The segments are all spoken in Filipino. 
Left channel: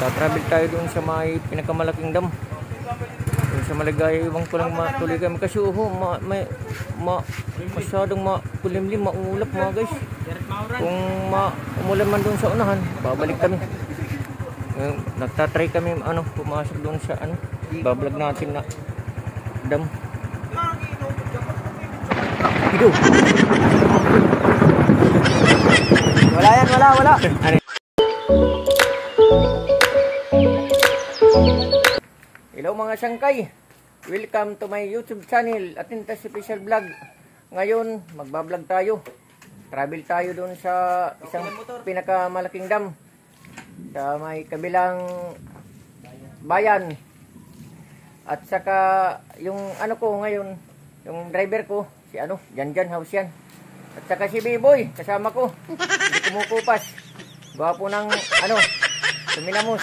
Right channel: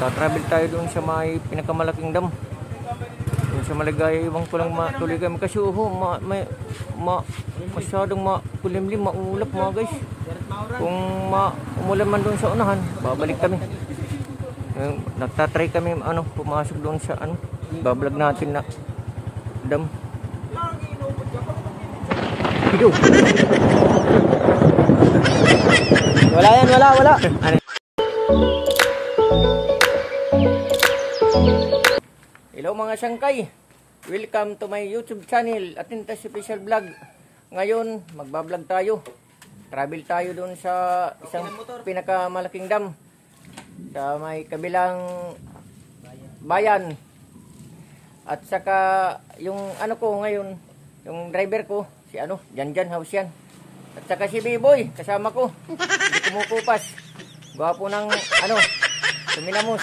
Tatravel tayo doon sa may pinakamalaking dam. Doon sa Maligaya, iwang ko lang matuloy kami. Kasi masyadong makulimlim, maulap mga guys. Kung umulan man doon sa unahan, babalik kami. Nagtatry kami pumasok doon sa bablog natin na dam. Hido. Wala yan, wala. Hello mga sangkay. Welcome to my YouTube channel, Atintas Official Vlog. Ngayon, magbablog tayo. Travel tayo doon sa isang pinakamalaking dam sa may kabilang bayan. At saka yung ko ngayon, yung driver ko, si Janjan House yan. At saka si B-Boy, kasama ko. Hindi kumukupas. Gwapo ng suminamos.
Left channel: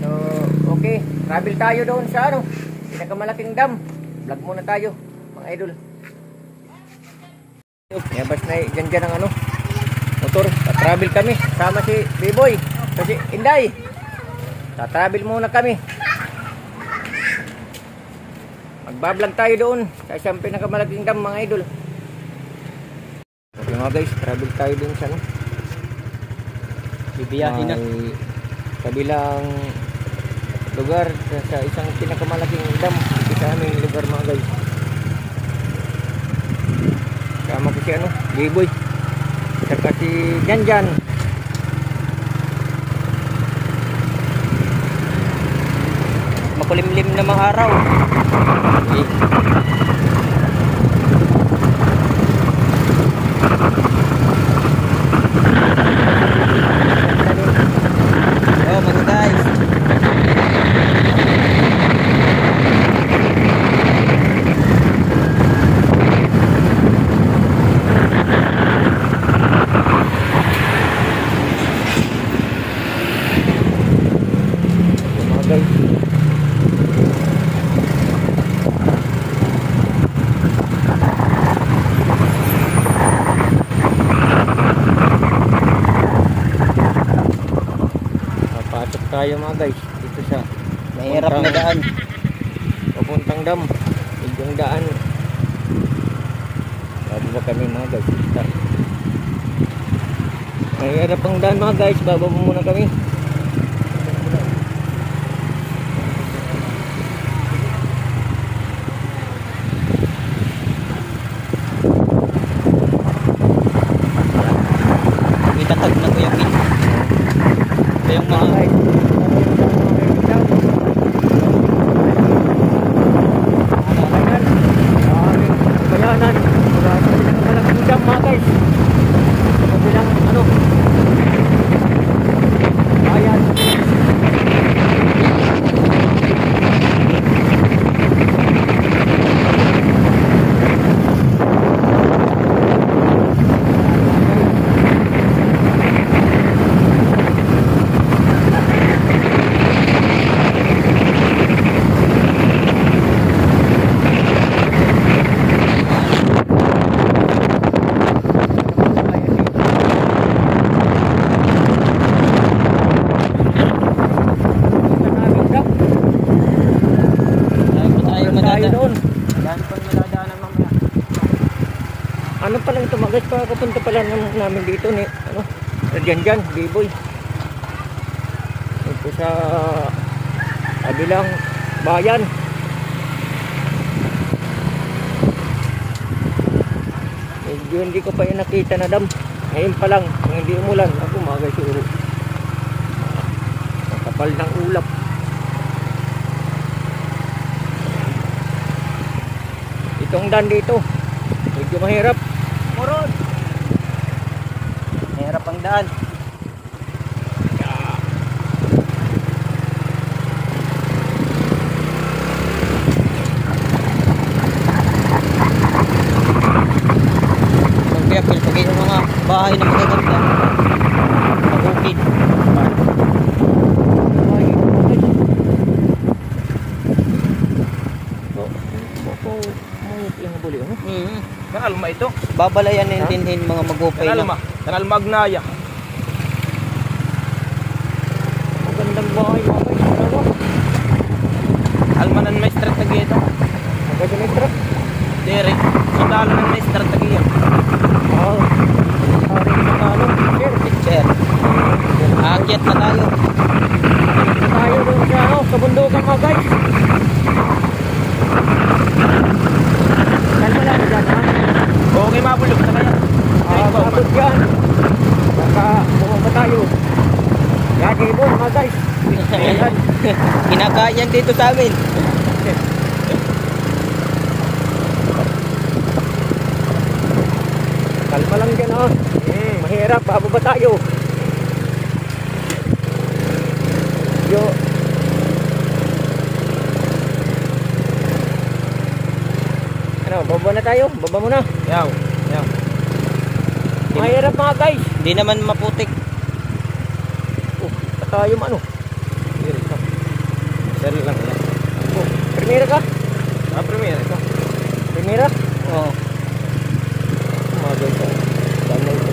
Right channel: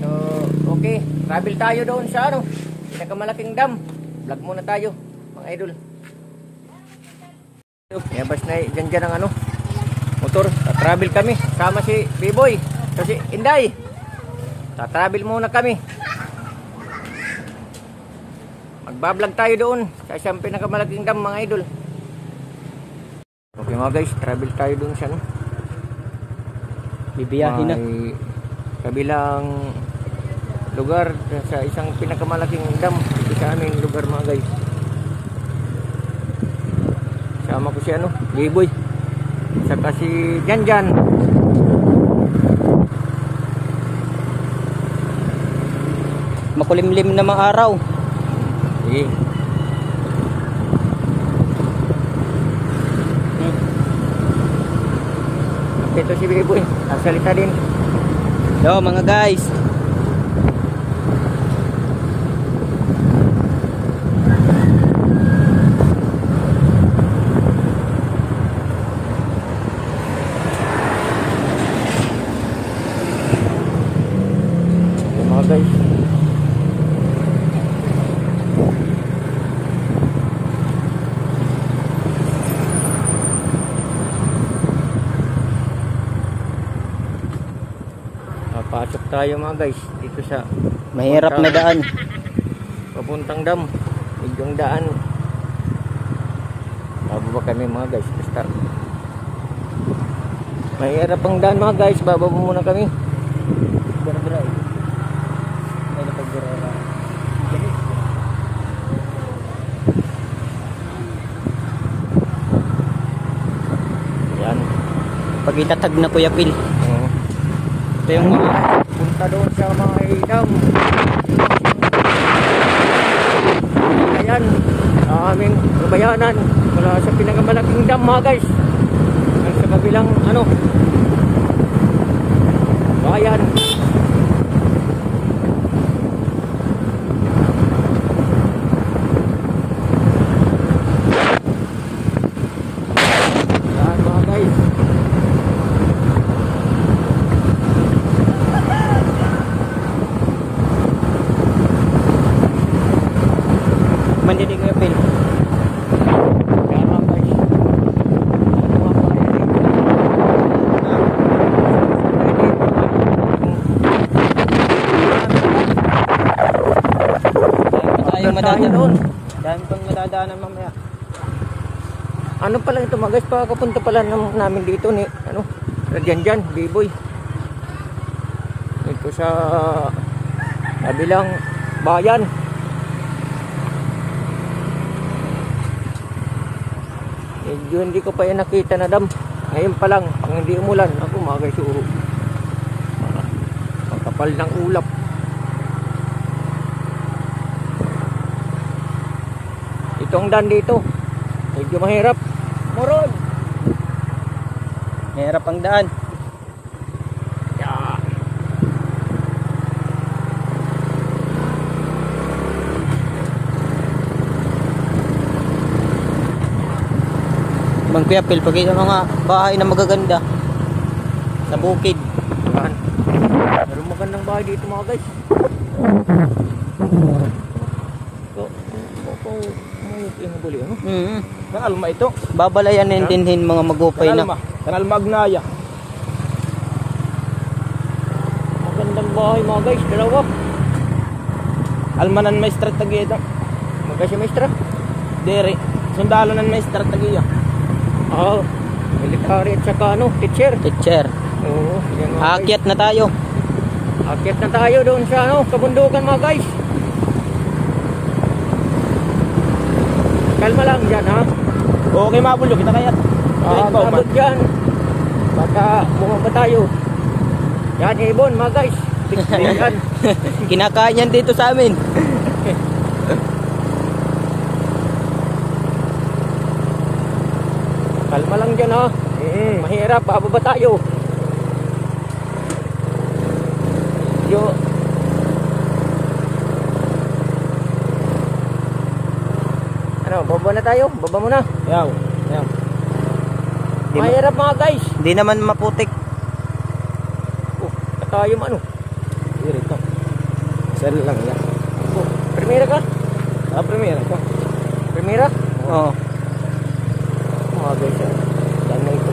So, okay. Travel tayo doon sa pinakamalaking dam. Vlog muna tayo, mga idol. Yabas na Janjan ang motor. Tatravel kami. Sama si B-Boy. Kasi Inday. Tatravel muna kami. Magbablog tayo doon sa isang pinakamalaking dam, mga idol. Okay mga guys, travel tayo doon sa bibiyahin na kabilang lugar sa isang pinakamalaking dam dito sa aming lugar mga guys. Sama ko si B-Boy saka si Janjan. Makulimlim namang araw. Okay. Masalita din. Yo mga guys. Yo mga guys. Pasok tayo mga guys dito sa mahirap na daan papuntang dam. Yung daan bababa kami mga guys. Start. Mahirap ang daan mga guys, bababa muna kami. Pag-itatag na Kuya Pin. Yung mga doon sa mga ilaw kainan sa aming kabayanan mula sa pinakamalaking dam mga guys sa kabilang bayan. Saan mga guys? Tayo doon. Dahil kung nadadaanan mamaya. Ano pala ito mga guys, papunta pala namin dito ni Janjan, B-Boy. Ito sa kabilang bayan. Medyo hindi ko pa yung nakita na dam. Ngayon pa lang, kung hindi umulan, ako mga guys, makapal ng ulap. Itong daan dito medyo mahirap. Murod. Mahirap ang daan. Yeah. Magpiyapil pag yung mga bahay na magaganda sa bukid. Ano ang bahay dito mga guys? Yung buli Kanal ito. Babalayan nintinhin mga magupay Kanal Magnaya. ang bahay mga guys, dalawa. Almanan may strategi ito. Magkasimestra. Dere. Sundalo ng may strategi yan. Oo. Military at saka ano, teacher. Teacher. Yan, mga guys. Aakyat na tayo. Akyat na tayo doon sa ano, kabundukan mga guys. Kalma lang dyan ha. Okay, mabulog na kaya. Abot dyan. Baka bumaba tayo. Yan ibon mga guys. Yan. Kinakain yan dito sa amin. Kalma lang dyan ha. Mahirap, bababa tayo. Yo. Ano, baba na tayo? Baba mo na. Yaw. Yaw. Mahirap mga guys. Hindi naman maputik. Oh, tayo ano? Sari lang yan. Oh, primera ka? Primera ito. Primera? Oo. Mga guys, dami ito.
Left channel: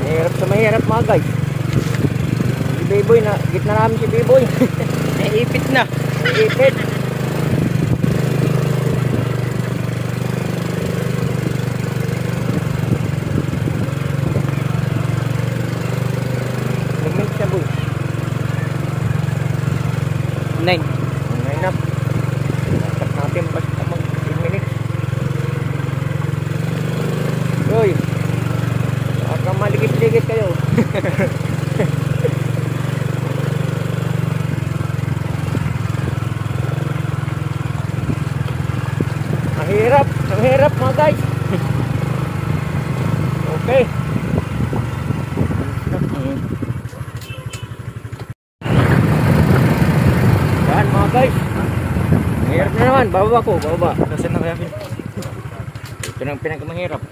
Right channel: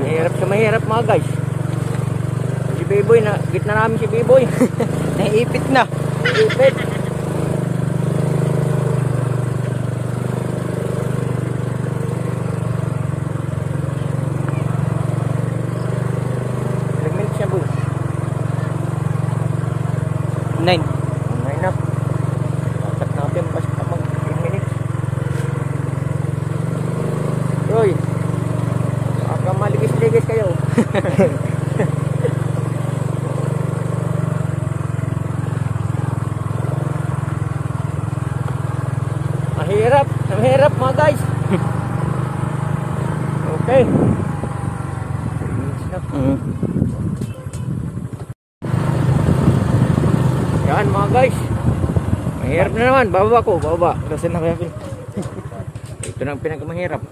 Mahirap sa mahirap mga guys. Si Biboy na, gitna namin si Biboy. Naipit na. Ipit. Ilang minutes siya boy? 9. Ngay na. Dapat natin basta mag 10 minutes. Yoy. Baka maligis-ligis kayo. Mahirap mga guys. Okay. Yan mga guys. Mahirap na naman. Bababa ko, bababa. Kasi na kaya Ito na ang pinakamahirap.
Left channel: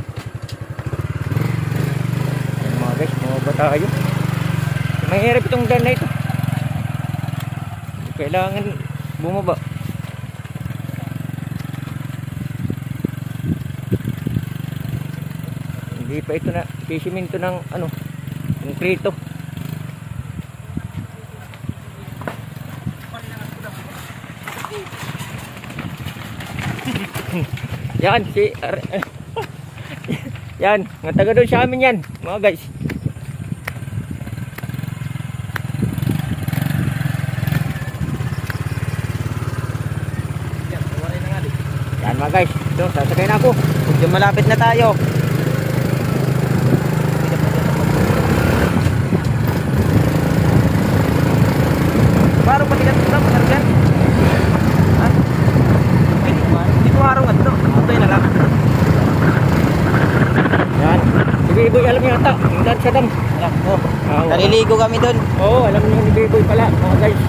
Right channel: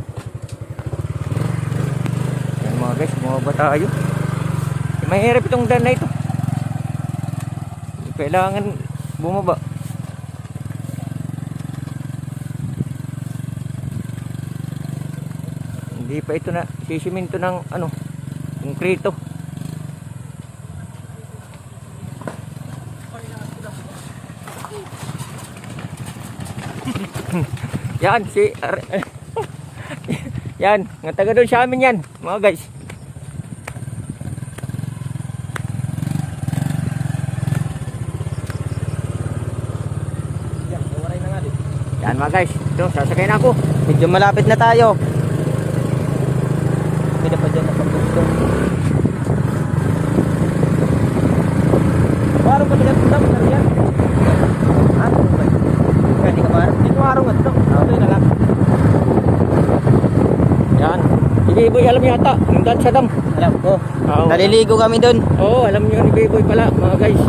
Yan mga guys, bumaba tayo. Mahirap itong daan na ito. Kailangan bumaba. Hindi pa ito na sisiminto ng ano, konkreto. Yan si yan, nga taga doon sa amin yan, mga guys. Yan mga guys, ito sasakay na ako. Medyo malapit na tayo. Parang patigat ko lang, dyan. Hindi ko araw nga ito. Okay na lang. Yan, si Biboy alam yata, yung daan sa dam. Alam ko. Oo. Naliligo kami dun. Oo, alam niyo ni Biboy pala, mga guys.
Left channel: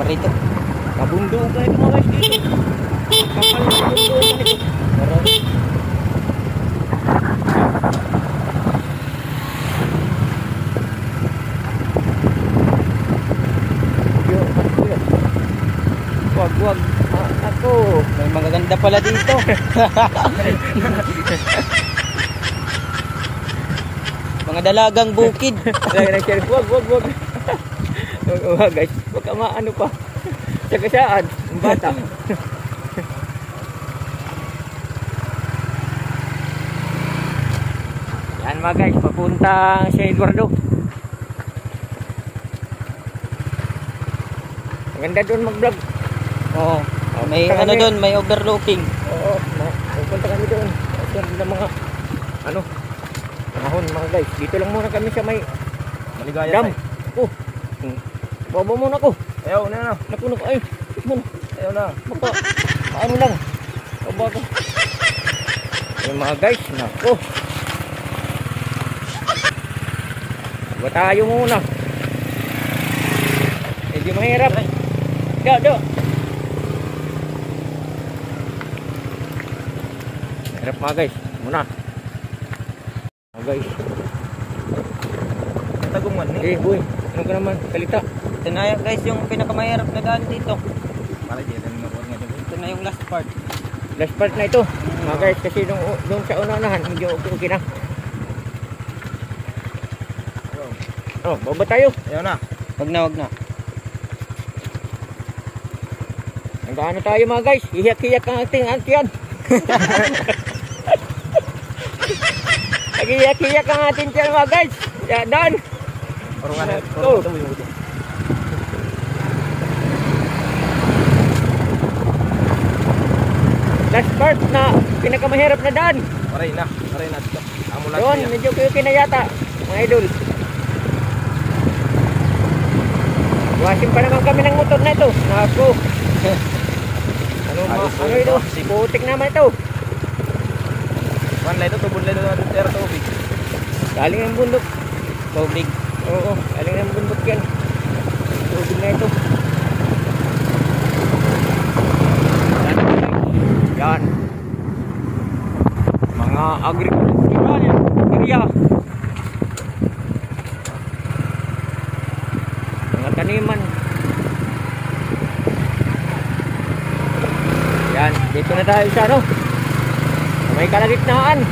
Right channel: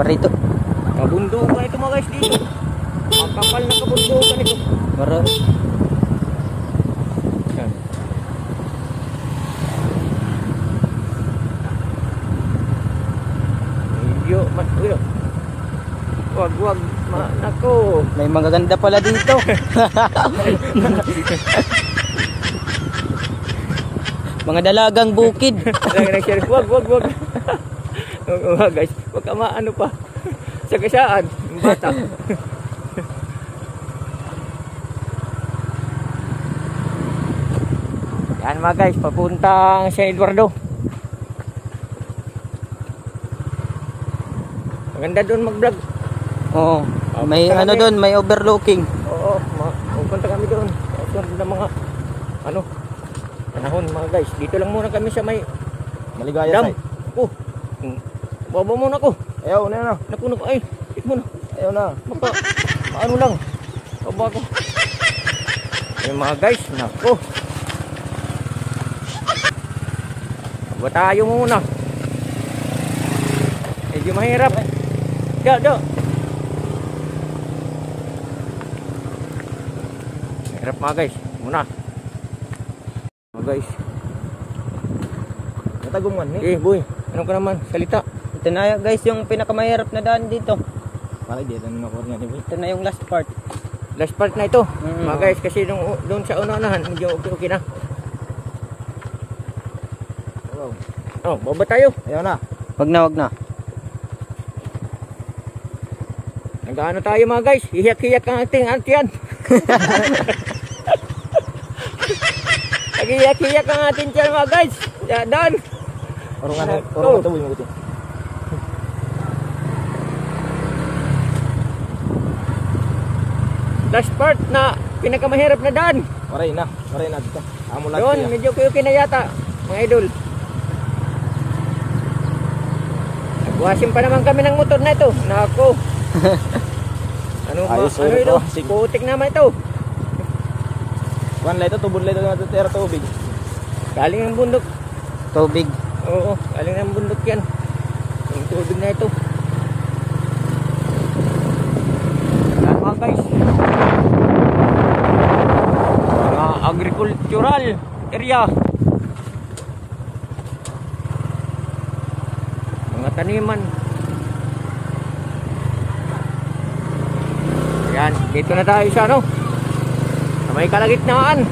Marito. Kabundukan ito mga guys dito. Kapal na kabundukan ito. Marito. Yo, matkuyo. Wag. Ako. May mga ganda pala dito. Mga dalagang bukid. Wag. Wag guys. Wag ka maano pa. Sagasaan, ang bata. Yan mga guys, papuntang San Eduardo. Maganda doon mag-vlog. Oo. May Punta ano kami. doon, may overlooking. Oo, pupunta kami doon. Sunod na mga ano, panahon mga guys. Dito lang muna kami sa may Maligaya dam. Oh. Baba muna ko. Ayaw na. Naku, ay, ikot muna. Ayaw na. Maka, ano lang. Baba ko. Yung mga guys, naku. Baba tayo muna. Medyo mahirap. Do. Mahirap mga guys. Muna. Mga guys. Taguman. Eh, boy. Ano ka naman? Salita. Ito na guys yung pinakamahirap na daan dito. Ito na yung last part. Last part na ito. Mga guys, kasi doon sa unahan, medyo okay na. Oh, baba tayo. Ayan na. Wag na. Nandaan na tayo mga guys. Iyak-iyak ang ating antiyan. Nag-iyak-iyak ang ating tiyan mga guys. Kaya daan. Go. Last part na pinakamahirap na daan. Maray na dito. Amo lang. Doon, medyo okay na yata, mga idol. Wasin pa naman kami ng motor na ito. Nako. Ano ito? Putik naman ito. One light ito, tubod light ito na dito, tubig. Galing ang bundok. Tubig. Oo, galing ang bundok yan. Ang tubig na ito. Mga agricultural area. Mga taniman. Yan, dito na tayo sa sa may kalagitnaan.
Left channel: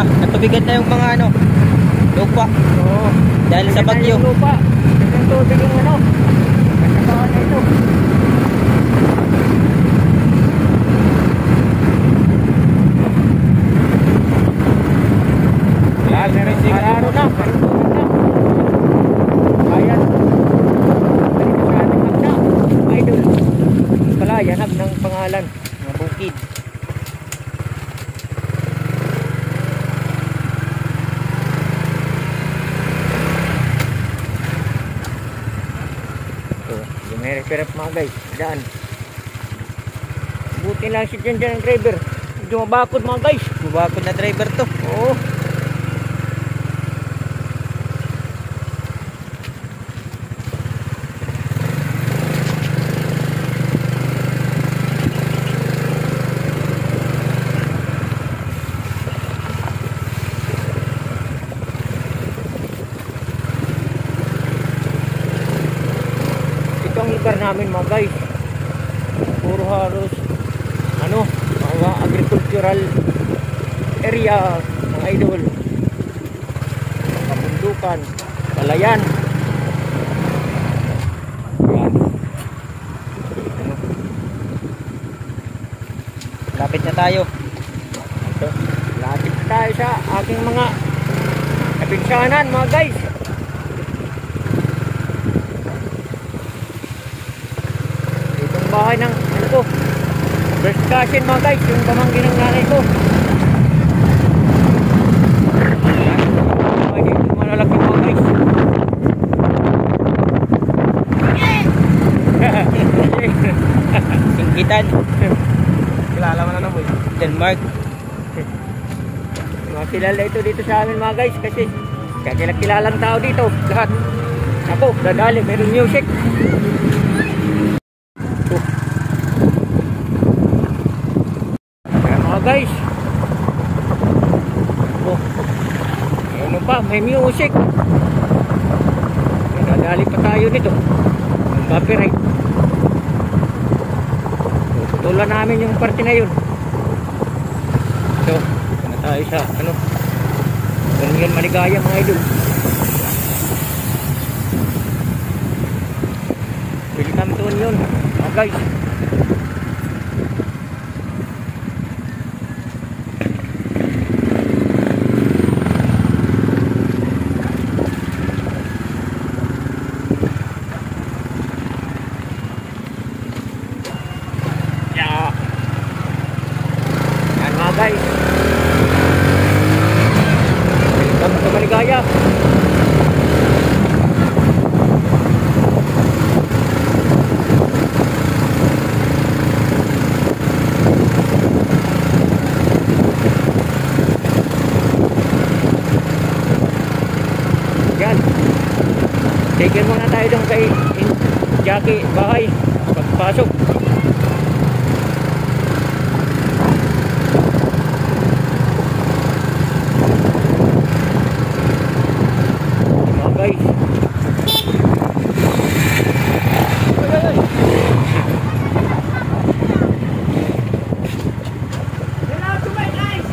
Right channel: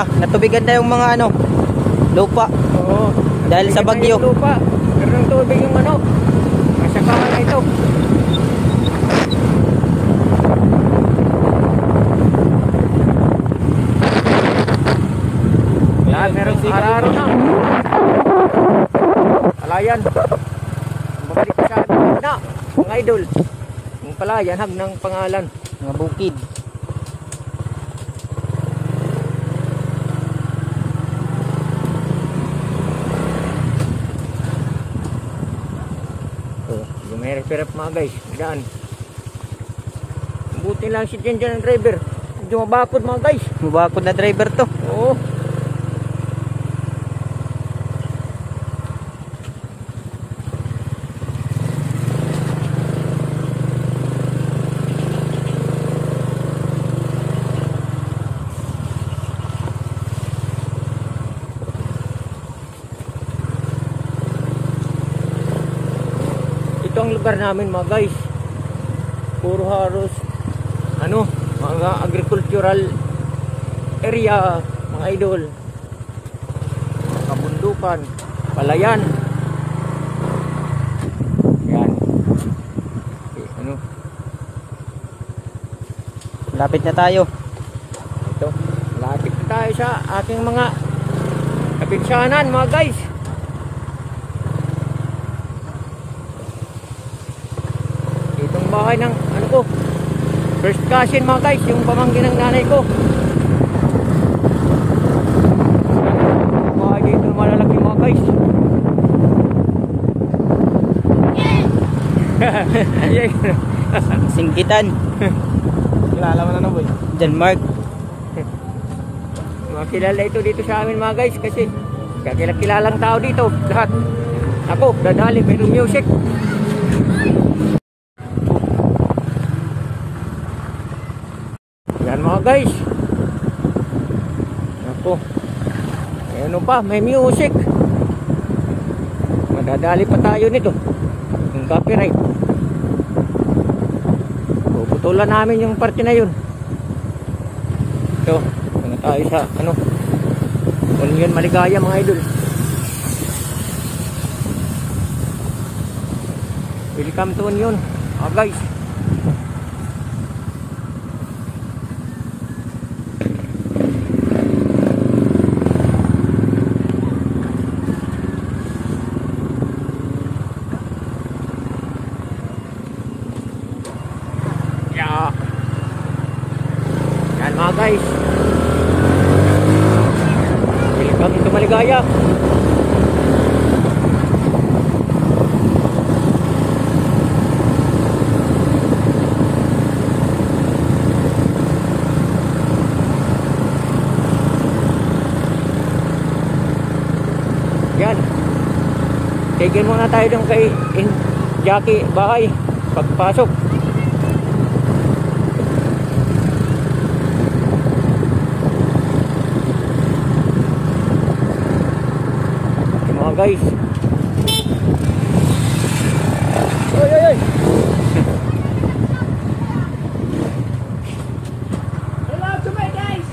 Natubigan na yung mga lupa. Oo. Dahil sa bagyo. Lupa. Meron ng tubig yung nasa baka na ito. Yan, meron araro na. Ayan. Balik na na. Idol. Pala, yanab ng pangalan. Mga bukid. May repair up mga guys, daan. Buti lang si dyan ang driver. Medyo mabakod mga guys. Mabakod na driver to. Oo. Ang lugar namin mga guys, puro halos mga agricultural area mga idol, kabundukan, palayan. Yan. Lapit na tayo. Ito, lapit na tayo sa aking mga kapinsanan mga guys. Bahay ng ko, first cousin mga guys, yung pamangkin ng nanay ko. Bahay dito malalaki mga guys. Singgitan. Kilala mo na boy. Denmark. Mga kilala ito dito sa amin mga guys, kasi kilalang tao dito lahat. Ako, dadali, meron music. Mga guys, ako, ano pa, may music. Nadadali pa tayo nito ng copyright. Puputulan namin yung parte na yun. So, na tayo sa Onion Maligaya mga idol. Welcome to Onion mga guys. Yan. Tigil muna tayo doon kay Jackie bahay. Pagpasok. Mga guys. Oy, oy, oy. Hello to my guys!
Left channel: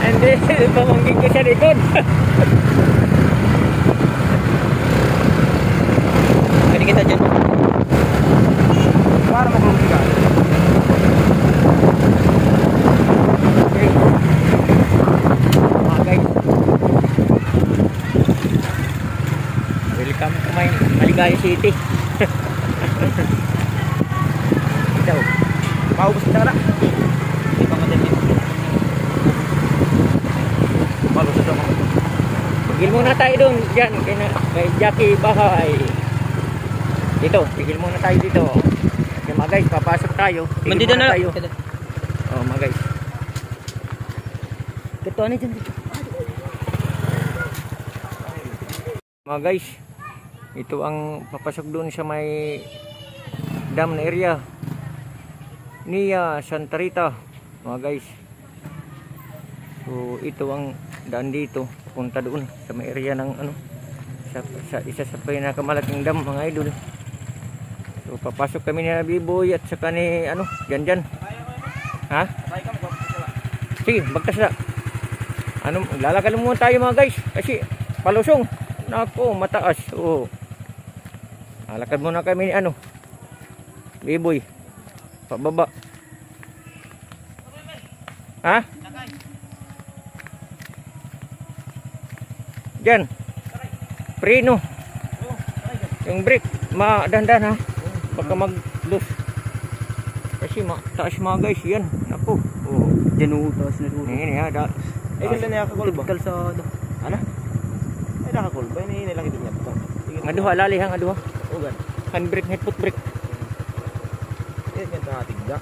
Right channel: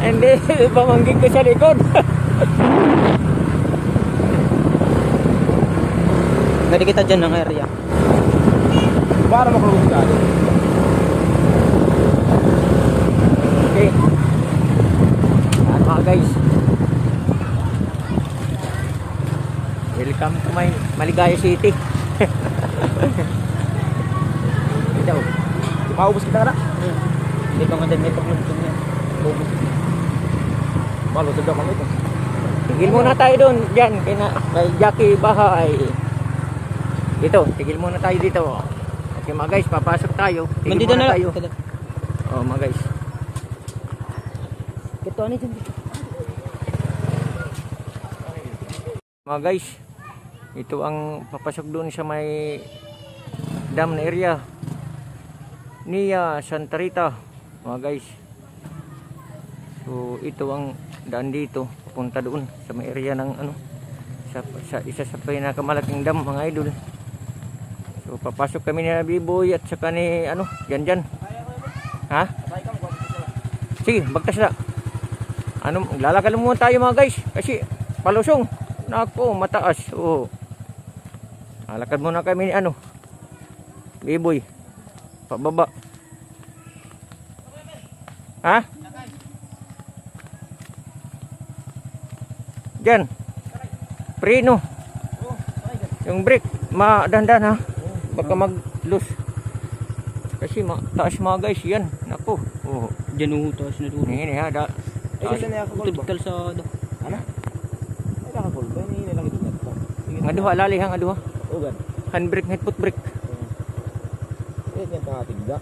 And then, pamanggit ko sa likod. Pwede kita dyan ang lari. Para makulong ka. Okay. Mga guys. Welcome to my Maligaya City. Ikaw. Maubos kita na. Kita nga din ito. Malusog naman ito. Tigil muna tayo doon. Diyan. Kay Jackie bahay. Dito. Tigil muna tayo dito. Kasi mga guys, papasok tayo. Tigil Mandito muna na tayo. lang. Oh, mga guys. Ito ano dyan. Mga guys, ito ang papasok doon sa may dam na area Nia Santa Rita, mga guys. So ito ang daan dito papunta doon sa may area ng ano, sa isa sa pinakamalaking dam, mga idol. So papasok kami ni Biboy at saka ni ano, Janjan. Ha? Sige, bagtas na. Ano, lalakad muna tayo mga guys kasi palusong. Nako, mataas. Oo. Alakad muna kami ni ano, Biboy. Pababa. Ha? Diyan. Preno. Yung brake, dahan-dahan ha. Baka mag-loose. Kasi taas mga guys, yan. Nako. Oo. Dyan taas na doon. Ini ha, Kasi na nakakul ba? Kalsado. Ano? Ay nakakul ba? Ini lang ito niya. Nga duha, lali ha, nga duha. Ugan. Handbrake, head foot brake. Yan yung tangatigda.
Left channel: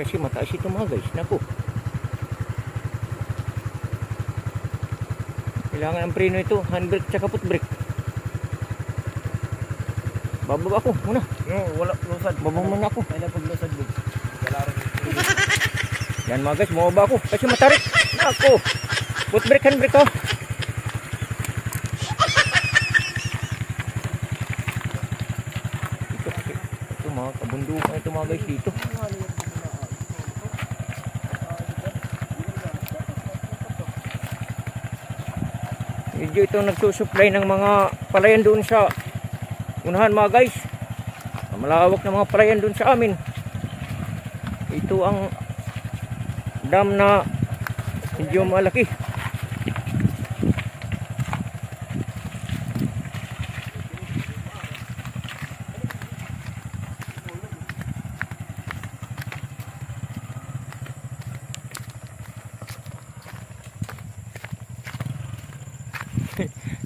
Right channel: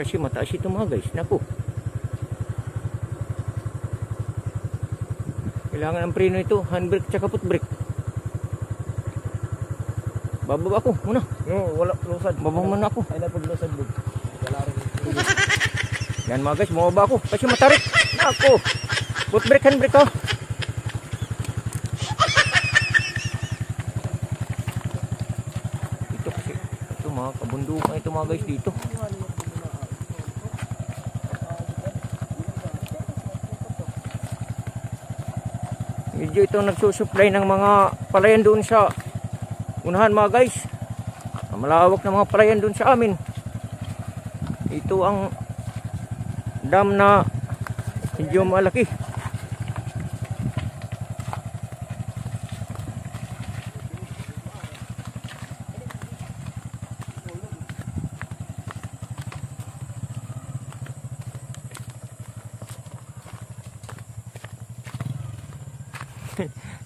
Kasi mataas ito mga guys. Naku. Kailangan ang preno ito. Handbrake tsaka foot brake. Bababa ako muna. Wala lusad. Bababa muna ako. Ay napag lusad bug. Wala rin. Yan mga guys. Bumaba ako. Kasi matarik. Naku. Foot brake, handbrake oh. Ito mga kabundukan ito mga guys dito. Medyo ito nagsusupply ng mga palayan doon sa unahan mga guys. Malawak na mga palayan doon sa amin. Ito ang dam na medyo malaki.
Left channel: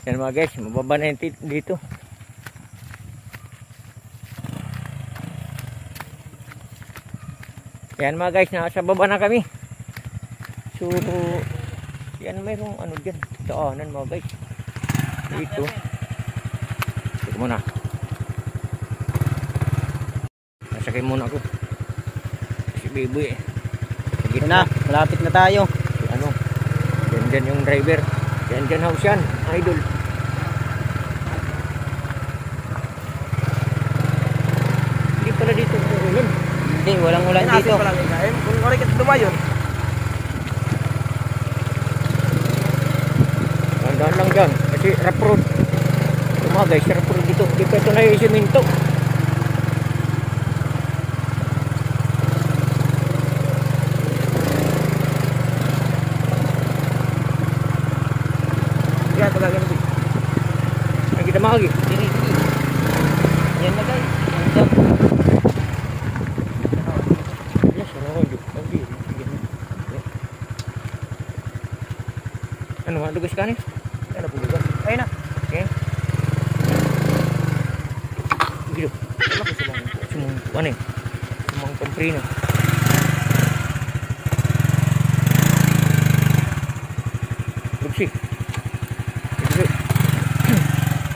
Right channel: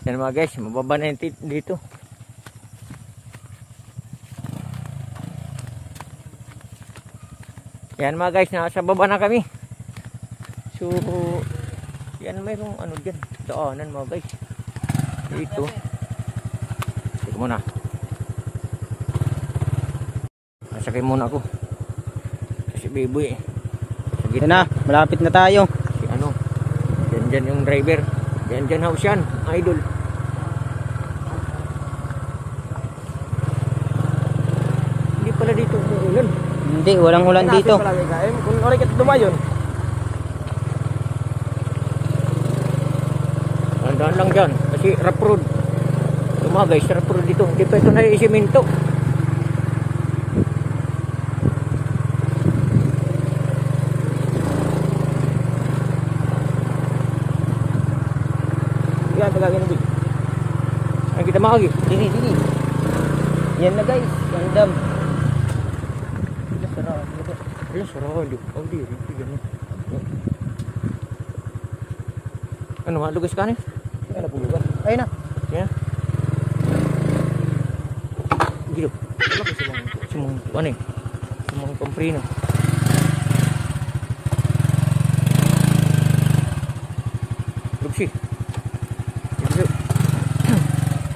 Yan mga guys, mababa na yung dito. Yan mga guys, nasa baba na kami. So, yan mayroong ano dyan, daanan mga guys. Dito. Ito muna. Nasakay muna ako. Si Biboy. Ito na, malapit na tayo. Si ano, dyan yung driver. Dyan house yan, idol. Hindi pala dito umuulan. Hindi, walang ulan dito. Kung oray ka tumayon. Tandaan lang dyan, kasi rough road. Ito mga guys, rough road dito. Hindi pa ito na yung siminto. Yan talaga ng Ang kita mahagi. Dini. Yan na guys, yung dam. Wala, sarang dito. Ano, malugas ka niya? Yan na pulugan. Ayun na. Yan. Gilo. Wala ko silang Sumang, ano eh? Sumang komprino. Upsi. Upsi.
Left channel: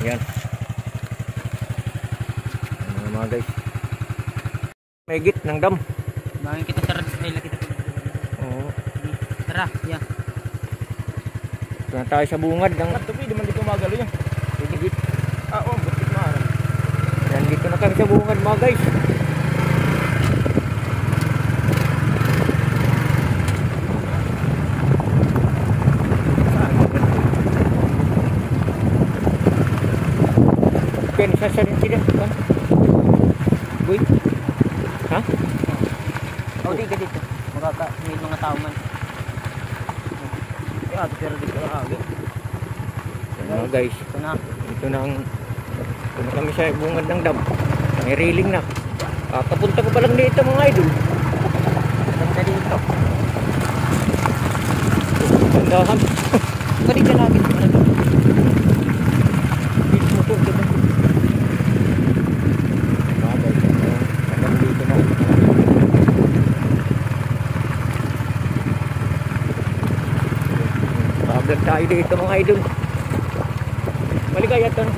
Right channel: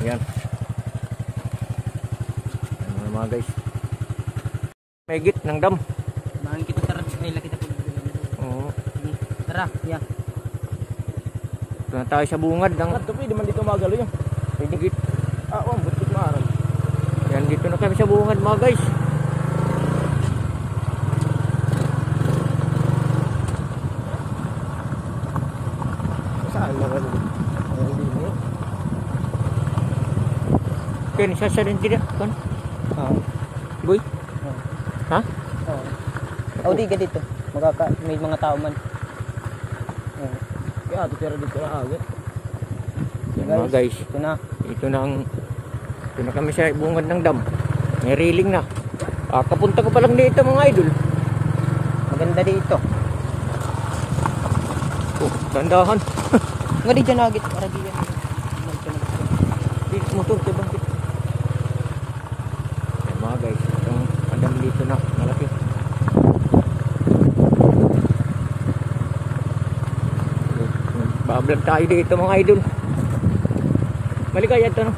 Yan. Ano mga guys. May git ng dam. Mahal kita tara nila kita. Oo. Tara, ya. Ito na tayo sa bungad ng Tapi di man dito magalo yun. git. Oo, buti na. Yan, dito na kami sa bungad mga guys. Saan ba ganun? Ken, sasarin sila. Kan? Boy. Ha? Oh, dito. May mga tao man. Kaya ito pero dito nakagit. Yan mga guys. Ito na. Ito na kami sa bungad ng dam. May railing na. Kapunta ko pa lang dito mga idol. Maganda dito. Gandahan. Gadi ka na agad. Dito motor, diba? Mga guys, yung adam dito na. Pa-vlog tayo dito mga idol. Maligaya ito. No?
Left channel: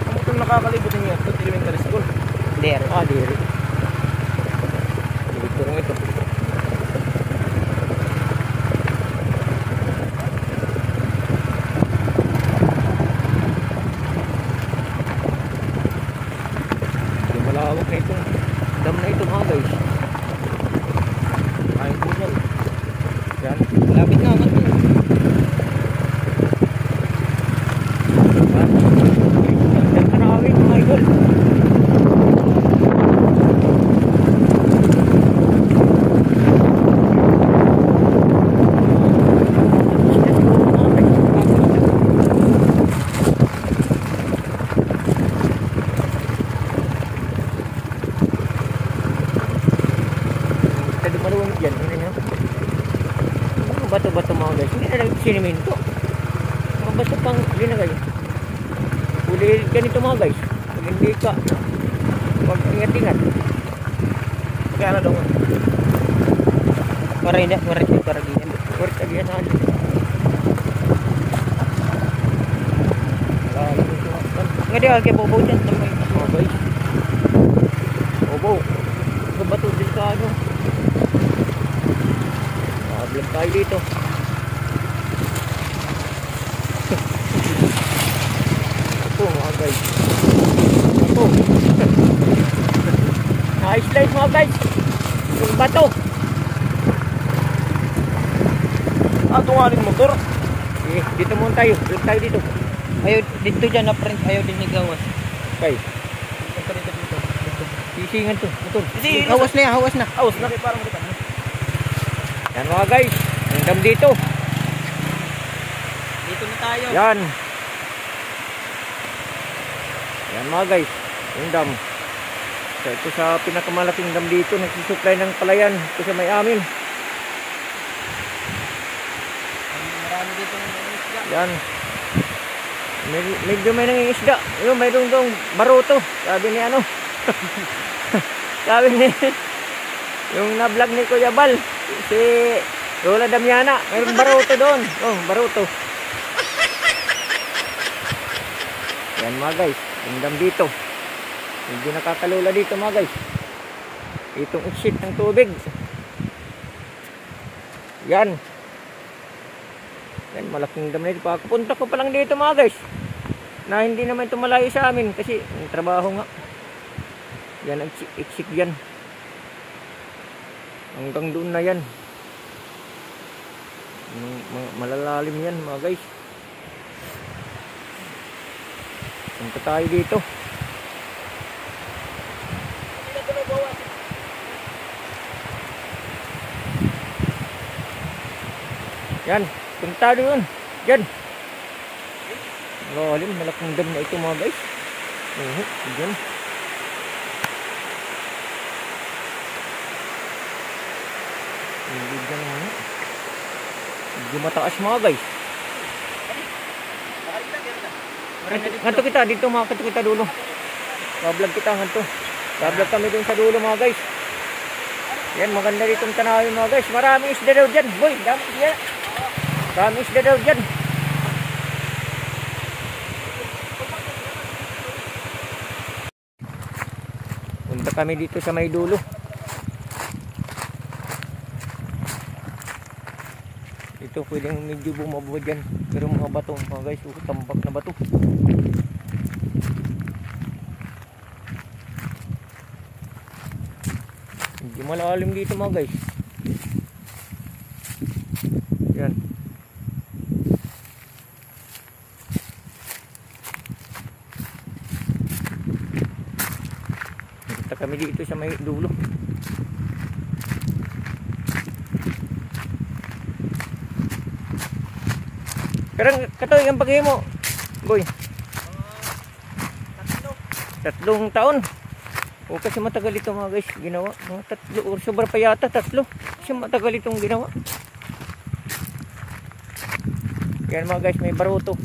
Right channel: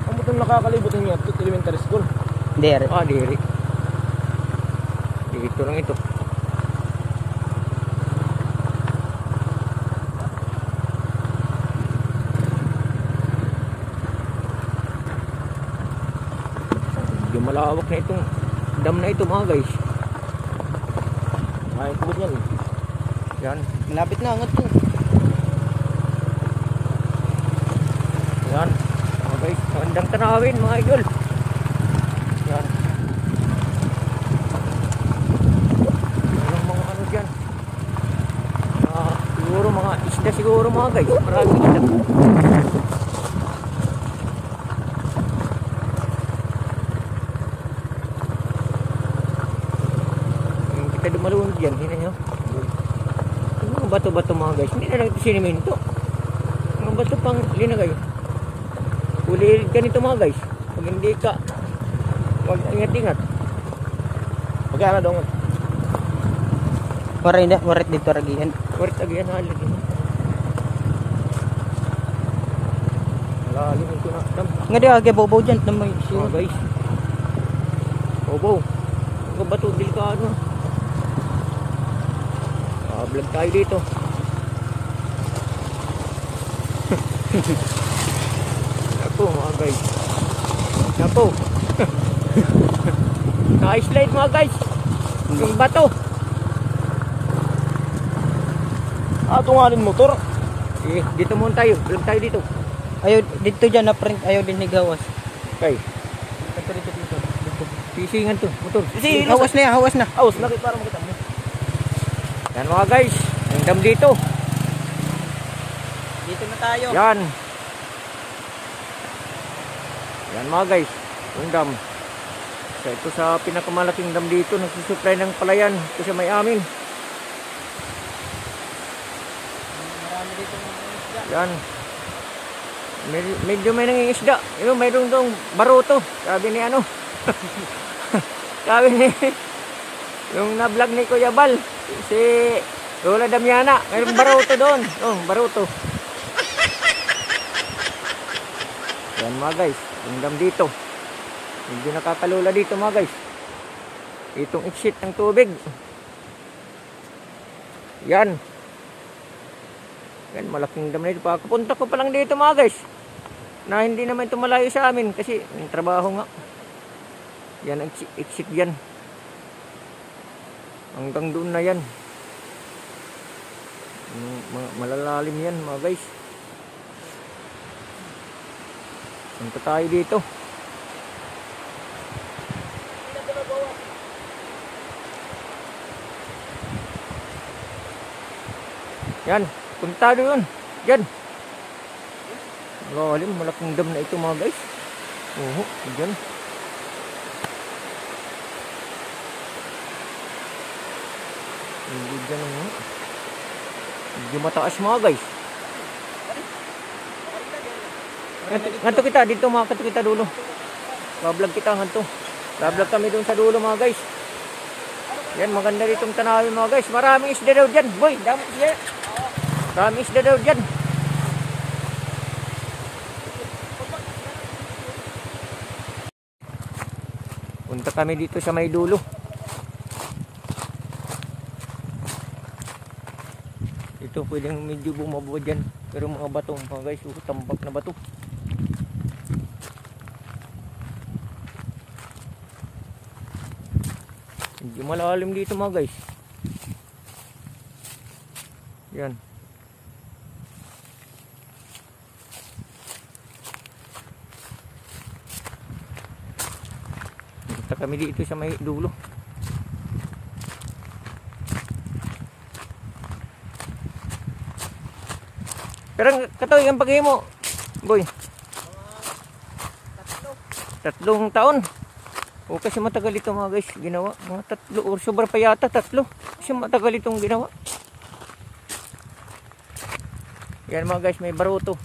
Kung ito nakakalibot yung ito, elementary school. There. Diri. Dito lang ito. Medyo malawak na itong dam na ito mga guys. Ay, po yan. Yan. Malapit na. Ano? Yan. Guys, hanggang tanawin mga idol. Yan. Siguro mga isda siguro mga guys. Marami isda. Kada maluwag yan. Ano nyo? Mga bato-bato mga guys. Hindi na lang siniminto. Mga bato pang yun na guys. Uli ganito mga guys. Pag hindi ka huwag ingat-ingat. Magkano daw? Maray na. Maray dito paragihan. Worth again na alin. Malalim yung tinaktan. Nga di ako kay Bobo dyan. Mga guys. Obo. Mga bato delikado. Vlog tayo dito. Ako mga guys. Ako. Na-slide mga guys. Yung bato. Tungalin motor. Dito muna tayo. Vlog tayo dito. Ayaw dito dyan na print. Ayaw din ni Gawas. Okay. Dito. Sisingan to. Motor. Hawas na yan. Hawas na. Aus na rin parang kita. Yan mga guys. Ang dam dito. Dito na tayo. Yan. Yan mga guys. Yung dam. Ito sa pinakamalaking dam dito. Nagsusupply ng palayan. Ito sa may amin. Yan. Medyo may nangingisda. Yung mayroon dong baruto. Sabi ni ano. Sabi ni yung na-vlog ni Kuya Bal. Si Lola Damiana. Mayroong baruto doon. Oh, baruto. Yan mga guys. Yung dam dito. Hindi nakakalula dito mga guys. Itong exit ng tubig. Yan. Yan, malaking dam na ito. Pagkapunta ko pa lang dito mga guys. Na hindi naman ito malayo sa amin. Kasi yung trabaho nga. Yan ang exit yan. Hanggang doon na yan. Malalalim yan mga guys. Punta tayo dito. Yan. Punta doon. Diyan. Lalim. Malaking dam na ito mga guys. Diyan. Hindi dyan. Hindi mataas mga guys. Nganto kita. Dito makakanto kita dulo. Bablog kita nganto. Bablog kami doon sa dulo mga guys. Yan. Maganda ditong tanawin mga guys. Maraming isda daw dyan. Boy. Dami isda. Maraming isda daw dyan. Punta kami dito sa may dulo. Ito pwedeng medyo bumaba dyan. Pero mga bato mga guys, tambak na bato. Medyo malalim dito mga guys. Yan. Punta kami dito sa may dulo. Pero katoy ang pagay mo, boy. Tatlong taon. O kasi matagal ito mga guys ginawa. Mga 3 o sobra pa yata 3. Kasi matagal itong ginawa. Yan mga guys, may baruto.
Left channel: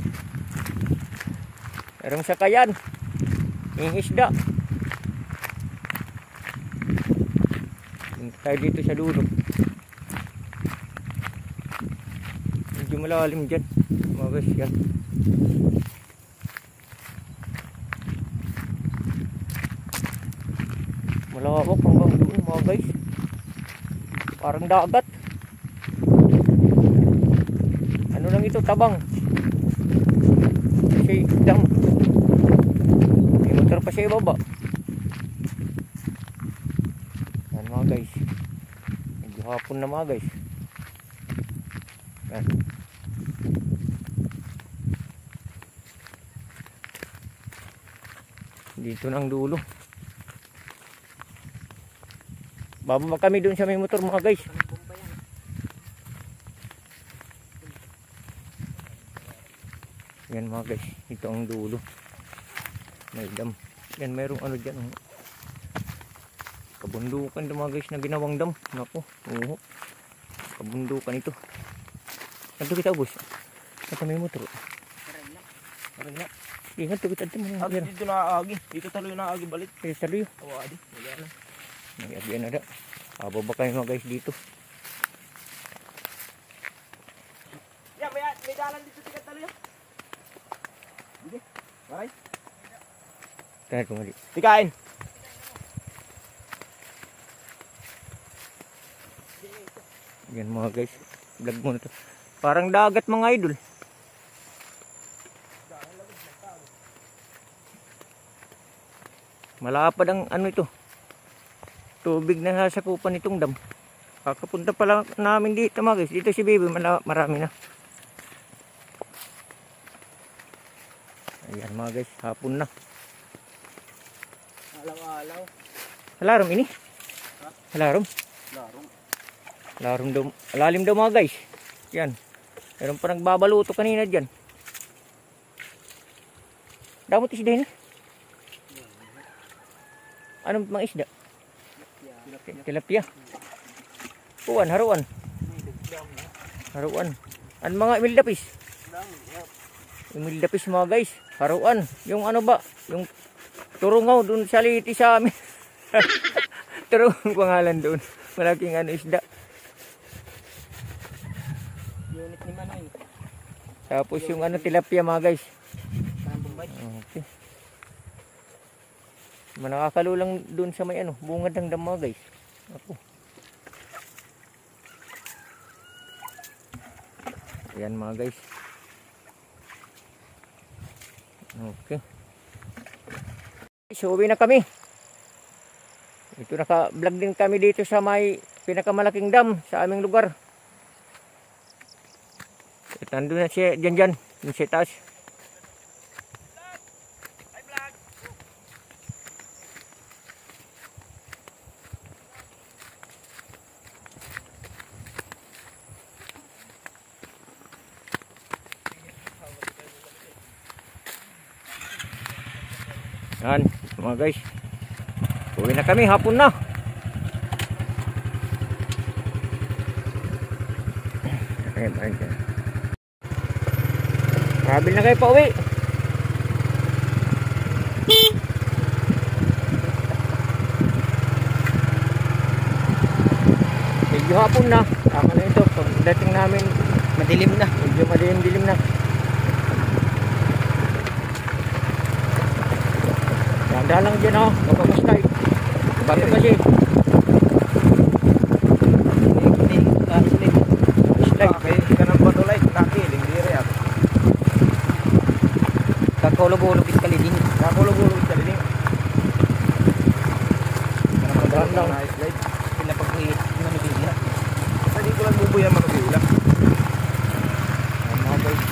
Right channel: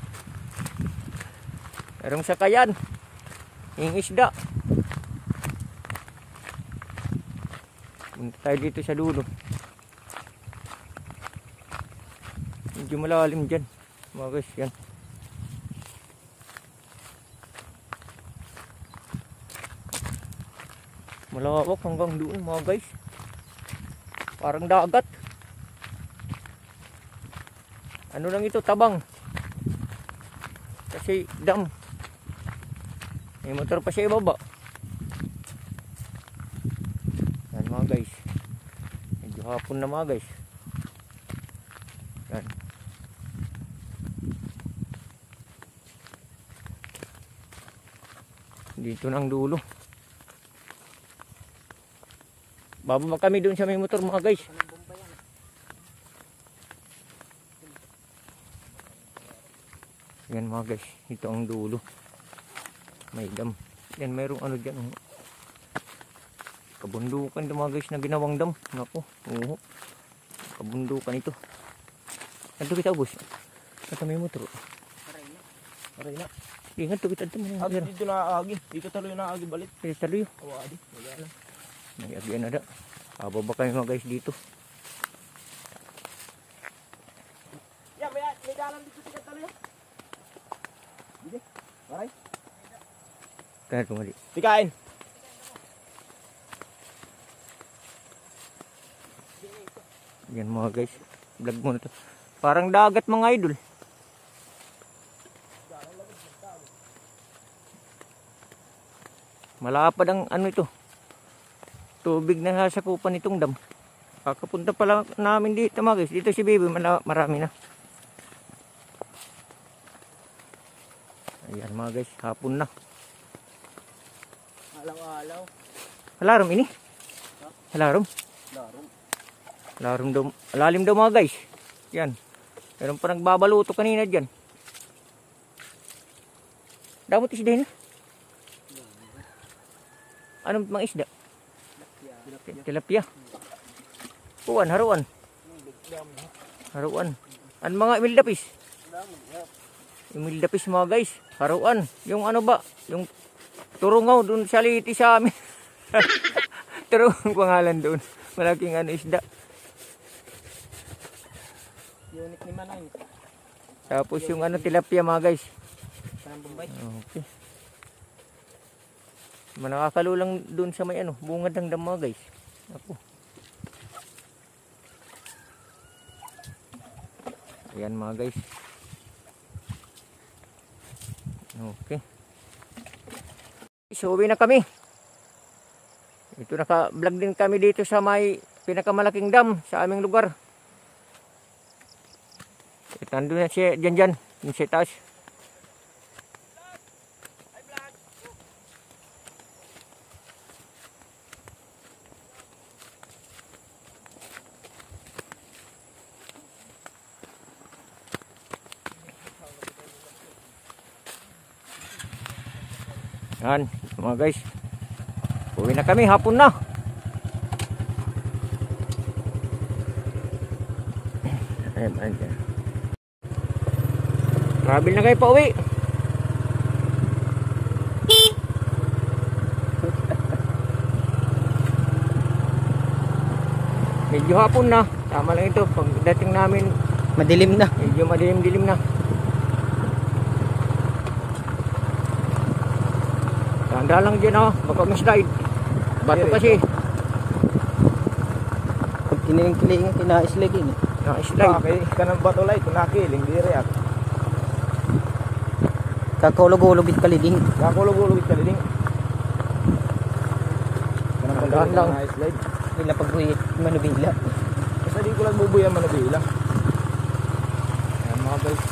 Merong sakayan. Yung isda. Punta tayo dito sa dulo. Medyo malalim dyan mga guys, yan. Malawak hanggang doon mga guys. Parang dagat. Ano lang ito, tabang. Kasi dam. May motor pa siya ibaba. Yan mga guys. Medyo hapon na mga guys. Yan. Dito nang dulo. Bababa kami doon sa may motor mga guys. Yan mga guys, ito ang dulo. May dam. Yan mayroong ano dyan. Kabundukan ito mga guys na ginawang dam. Naku, oo. Kabundukan ito. Ito kita ubos. Ito may motor. Aray na. Ingat to kita ito. Dito na agi. Dito talo na agi balik. Dito talo yun. Oo adi. Wala na. Nagyagyan na da. Ababa kayo mga guys dito. Ya, may dalan dito tiga talo ya. Sige. Maray. Kaya kumali. Tikain. Yan mga guys. Vlog mo na to. Parang dagat mga idol. Malapad ang ano ito. Tubig na sasakupan itong dam. Kakapunta pa lang namin dito mga guys. Dito si Baby, marami na. Ayan mga guys, hapon na. Alaw-alaw. Alarom ini? Alarom? Alarom daw. Alalim daw mga guys. Yan. Meron pa nagbabaluto kanina dyan. Damot isda yun. Anong mga isda? Tilapia. Puan, haruan. Haruan. An mga imildapis. Imildapis mga guys. Haruan. Yung ano ba? Yung turungaw dun sa liti sa amin. Turungaw pangalan dun. Malaking ano isda. Unit ni Manay. Tapos yung ano tilapia mga guys. Okay. Manakakalulang dun sa may ano, bungad ng dam mga guys. Ako. Ayan mga guys. Okay. So uwi na kami. Ito naka-vlog din kami dito sa may pinakamalaking dam sa aming lugar. Nandun na siya dyan. Yung sa taas. Yan, mga guys. Uwi na kami, hapon na. Ayan. Travel na kayo pa uwi. Medyo hapon na. Tama lang ito. Pagdating namin Madilim na. Medyo madilim-dilim na. Tanda lang dyan oh, baka ma-slide. Bato kasi. Kiling ko na slide. Na-slide. Okay, kanang bato light, nakiling diri at. Kakulog-ulog it kaliding. Nakulog-ulog sa dinding. Tandaan lang. Slide. Sila pag-uwi manubila. Basta di ko lang bubuyan manubila. Ayan mga guys.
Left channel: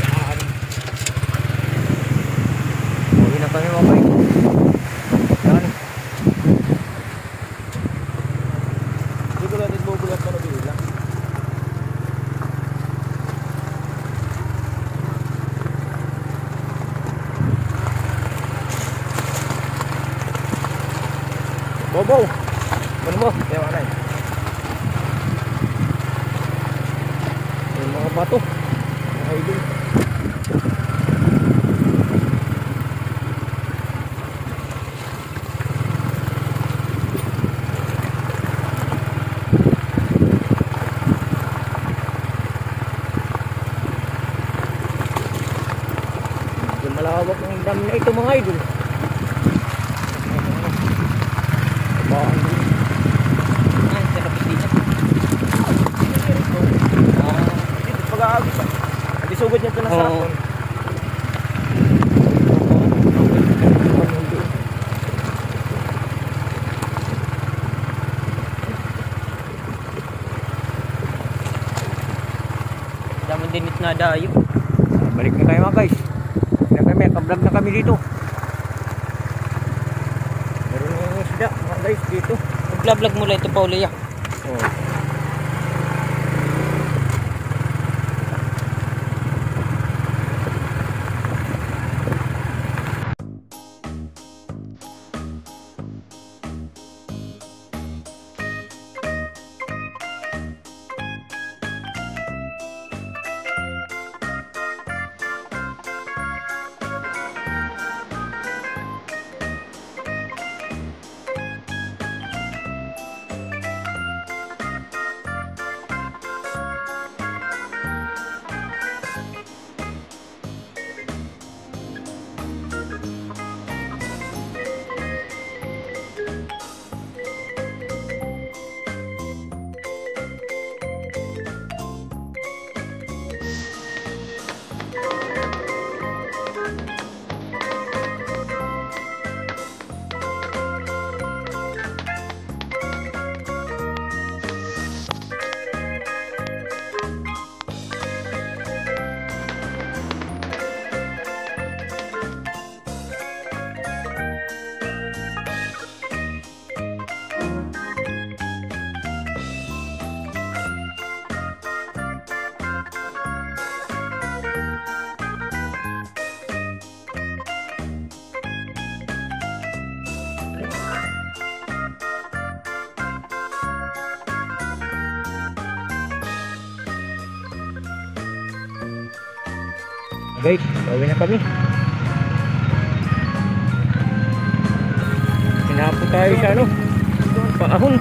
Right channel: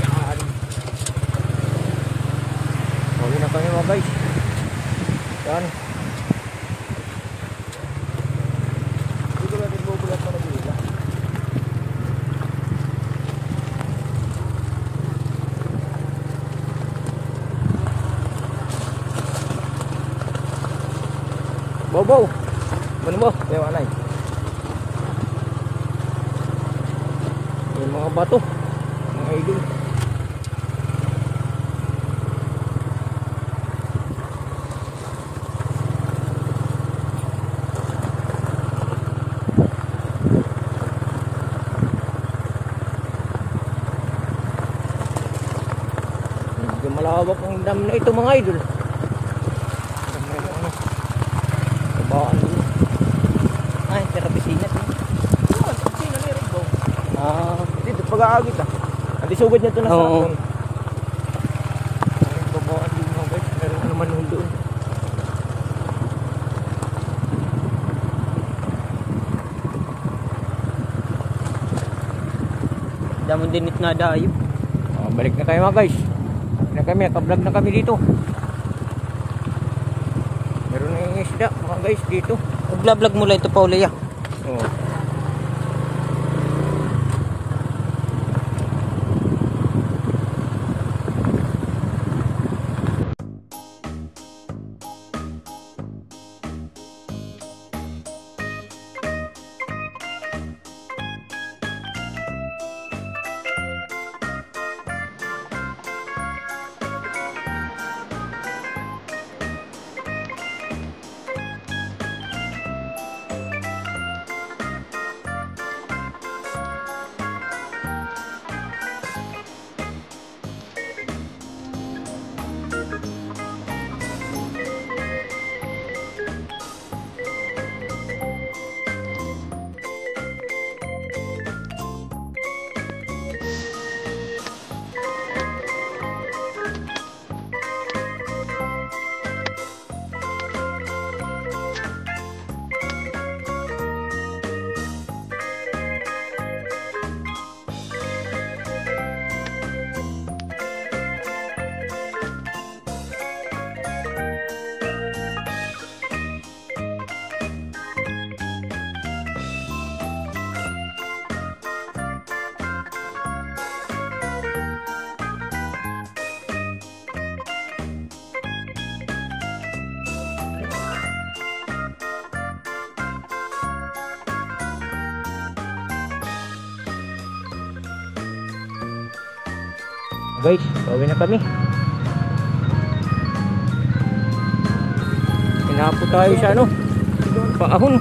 Yan. Uwi na kami mga guys. Yan. Di ko lang bubuyan manubila. Bobo. Ano mo? Kaya wala eh. Yung mga bato. Mga idol. Medyo malawak ang dam na ito mga idol. Tabaan din. Ay, sa kapisina. Dito pag-aagit pa. Adi sugod niya ito na Oo. sakon. Tabaan din. Ang manong doon. Daming dinit na dayo. Balik na kayo mga guys. Balik na kami, nakablog na kami dito. Meron na yung isda mga guys dito. Mag-vlog mo lang ito, Paula, ya. Oh. Guys, pauwi na kami. Hinapo tayo sa ano, paahon.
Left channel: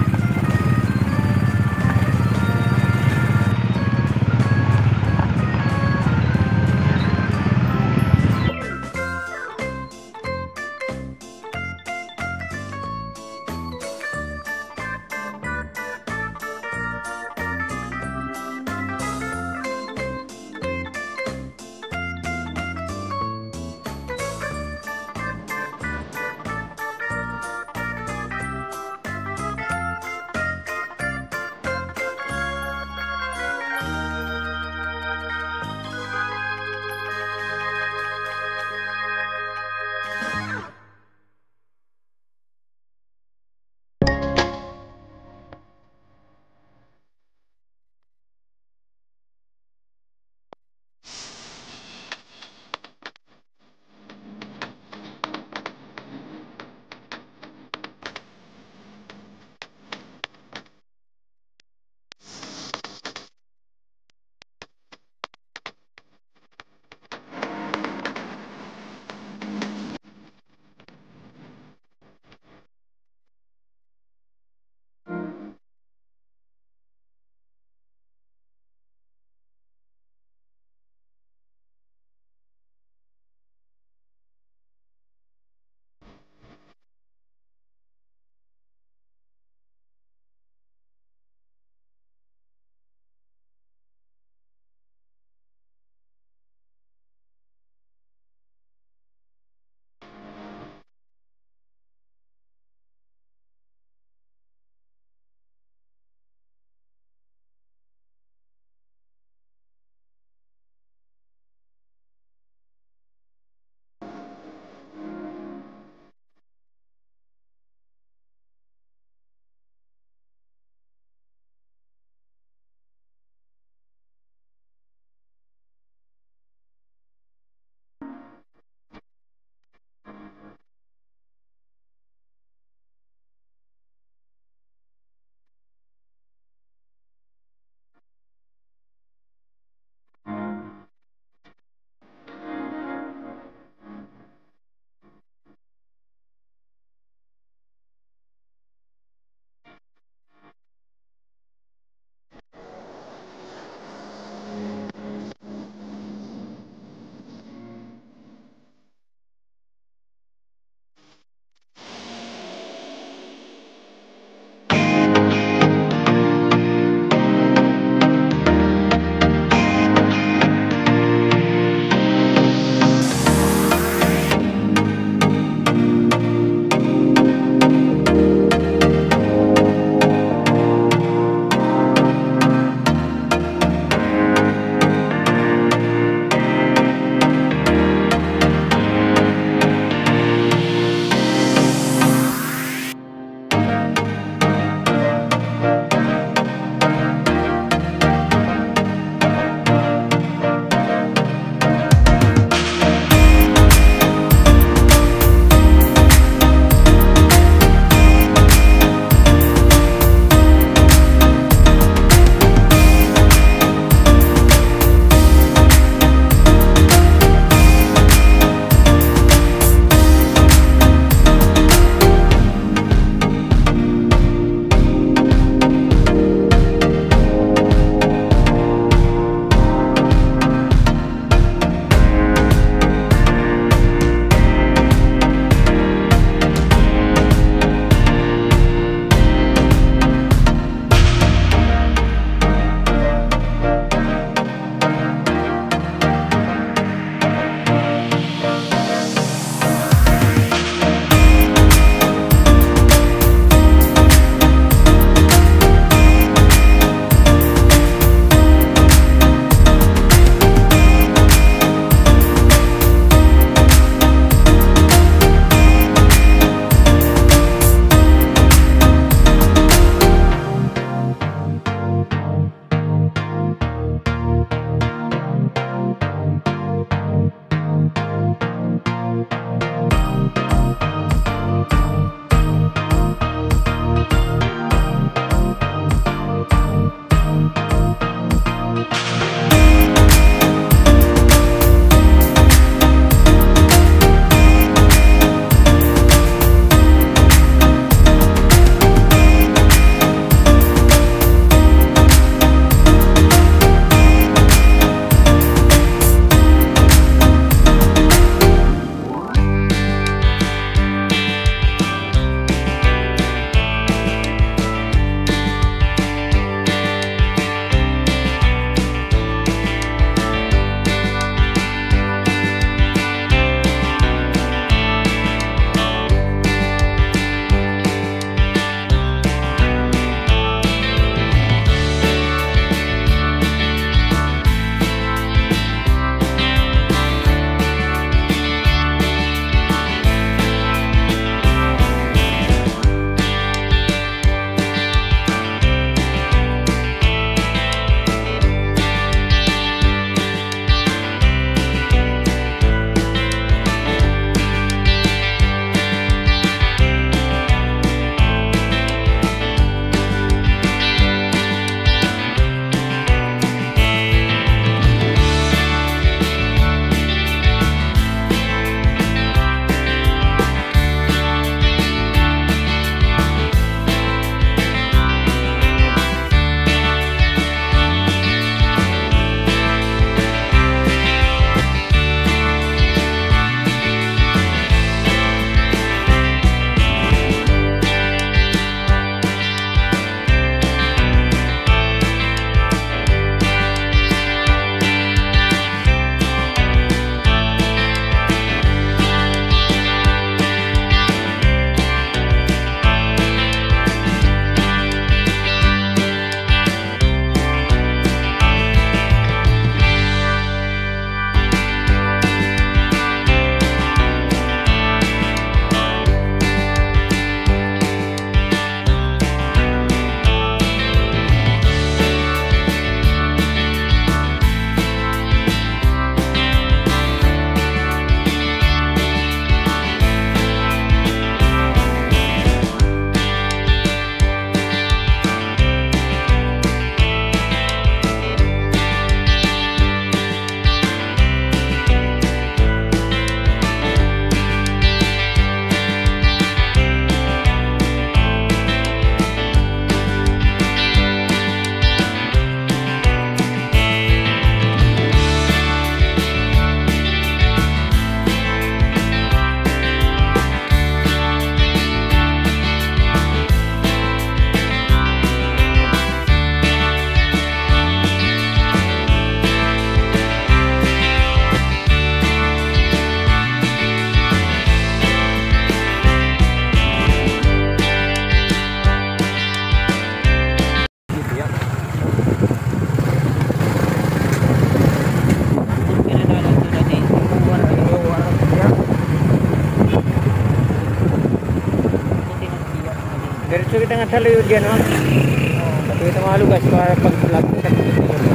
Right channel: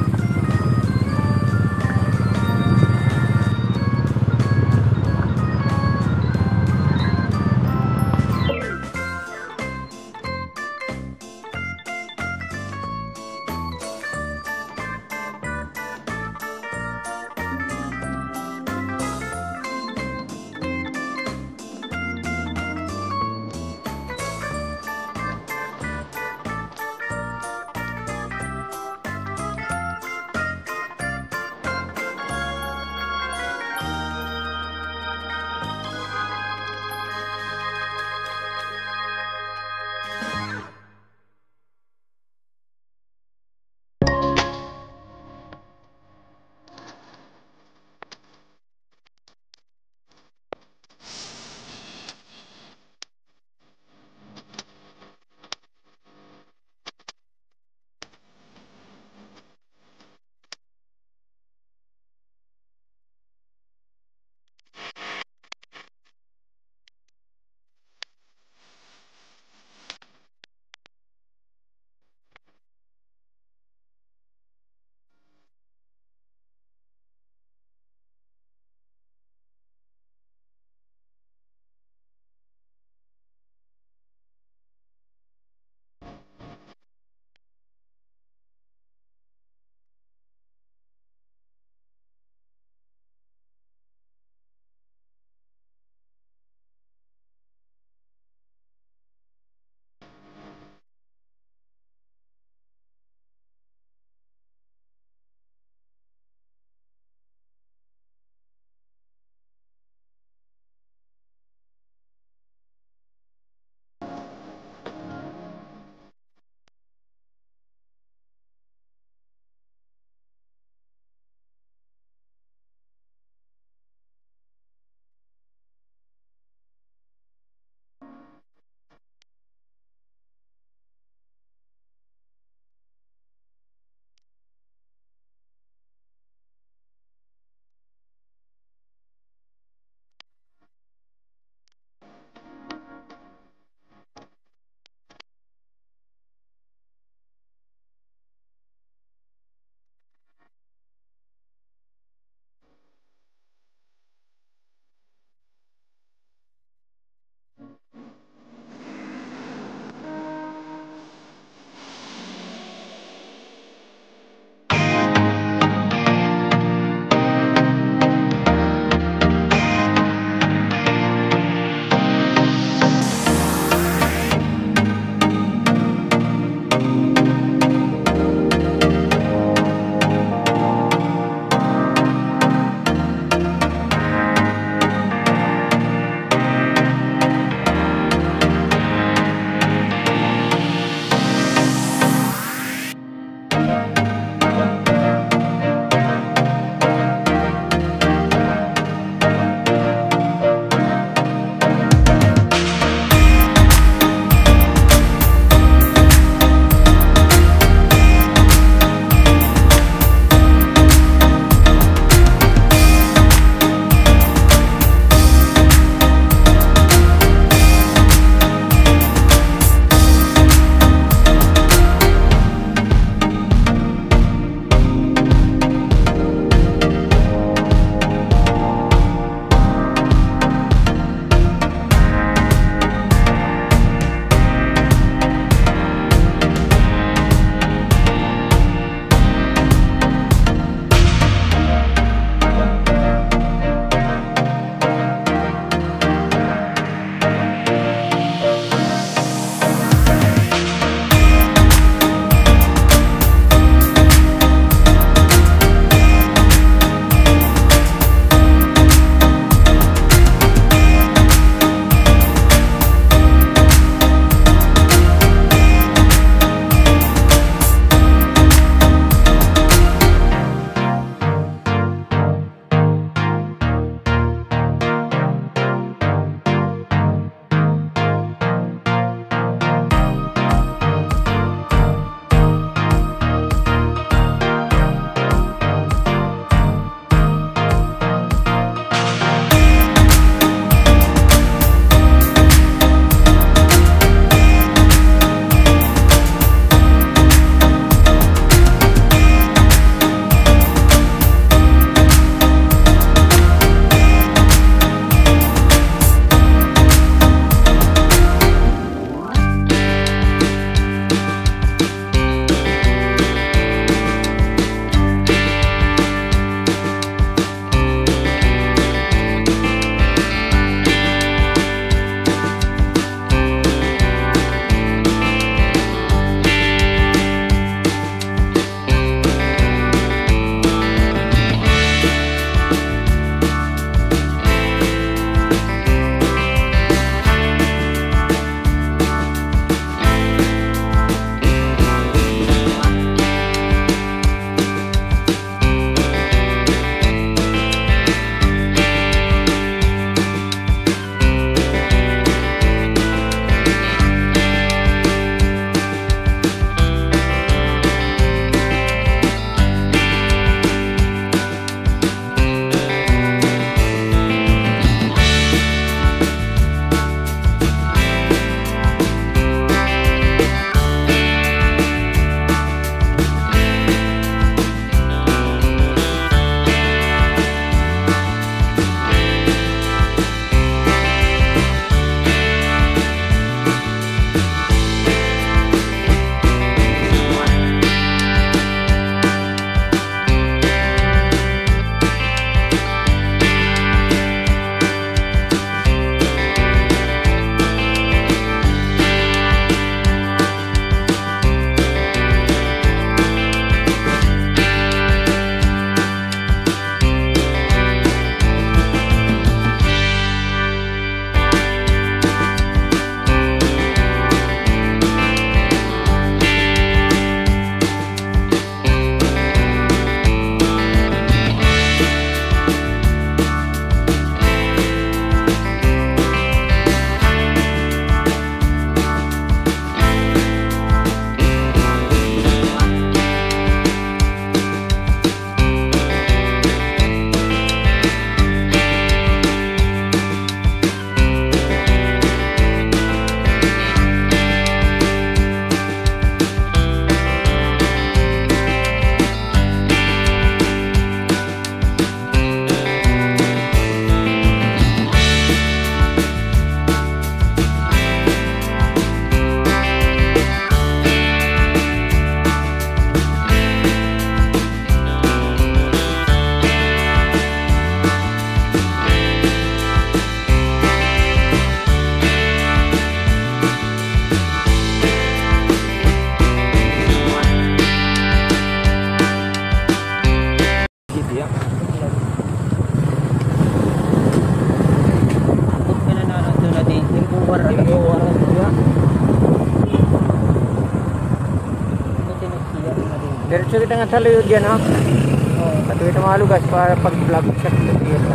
Dito kita nga taluyod yan, ha? Dito kita mga lugas para pag-vlog sa dito.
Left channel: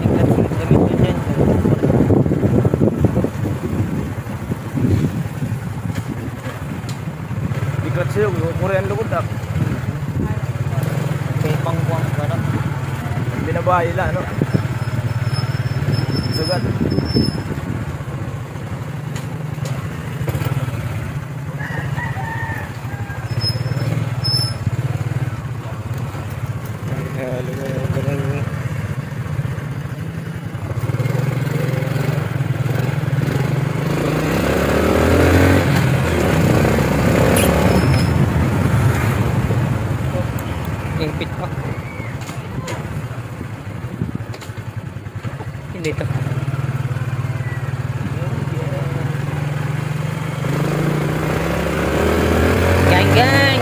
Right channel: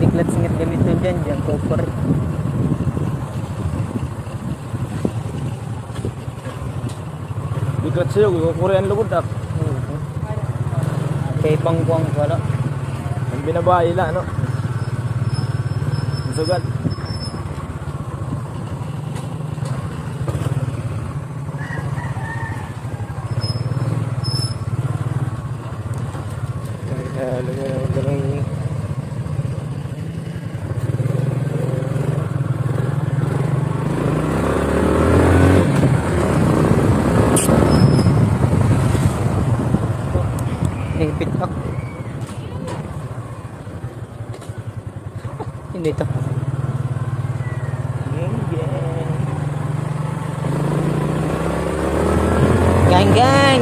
Biglat singit-gamit to dyan. Biglat sa'yo, Korean lugod na. Kaya panggang ano. Ang binabahay lang, no? Sagat. Lingpit pa. Hindi to. Gang gang.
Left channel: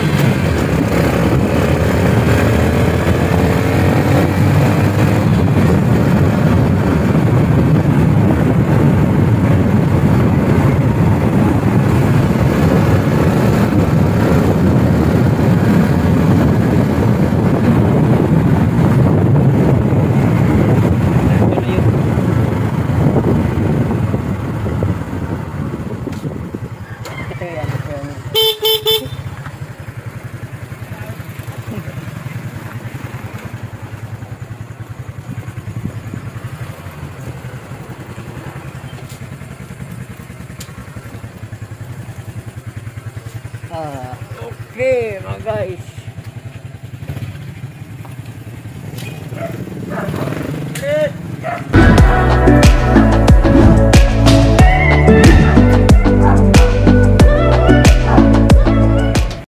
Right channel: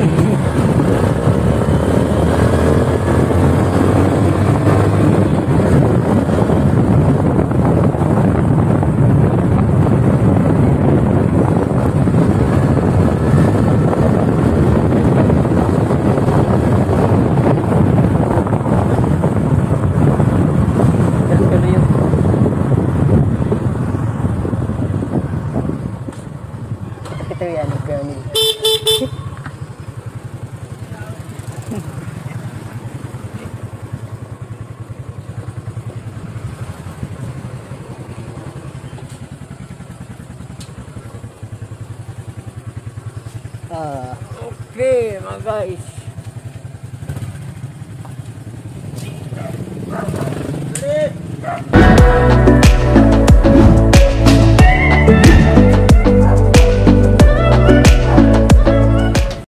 Ito yan, Johnny. Okay, mga guys.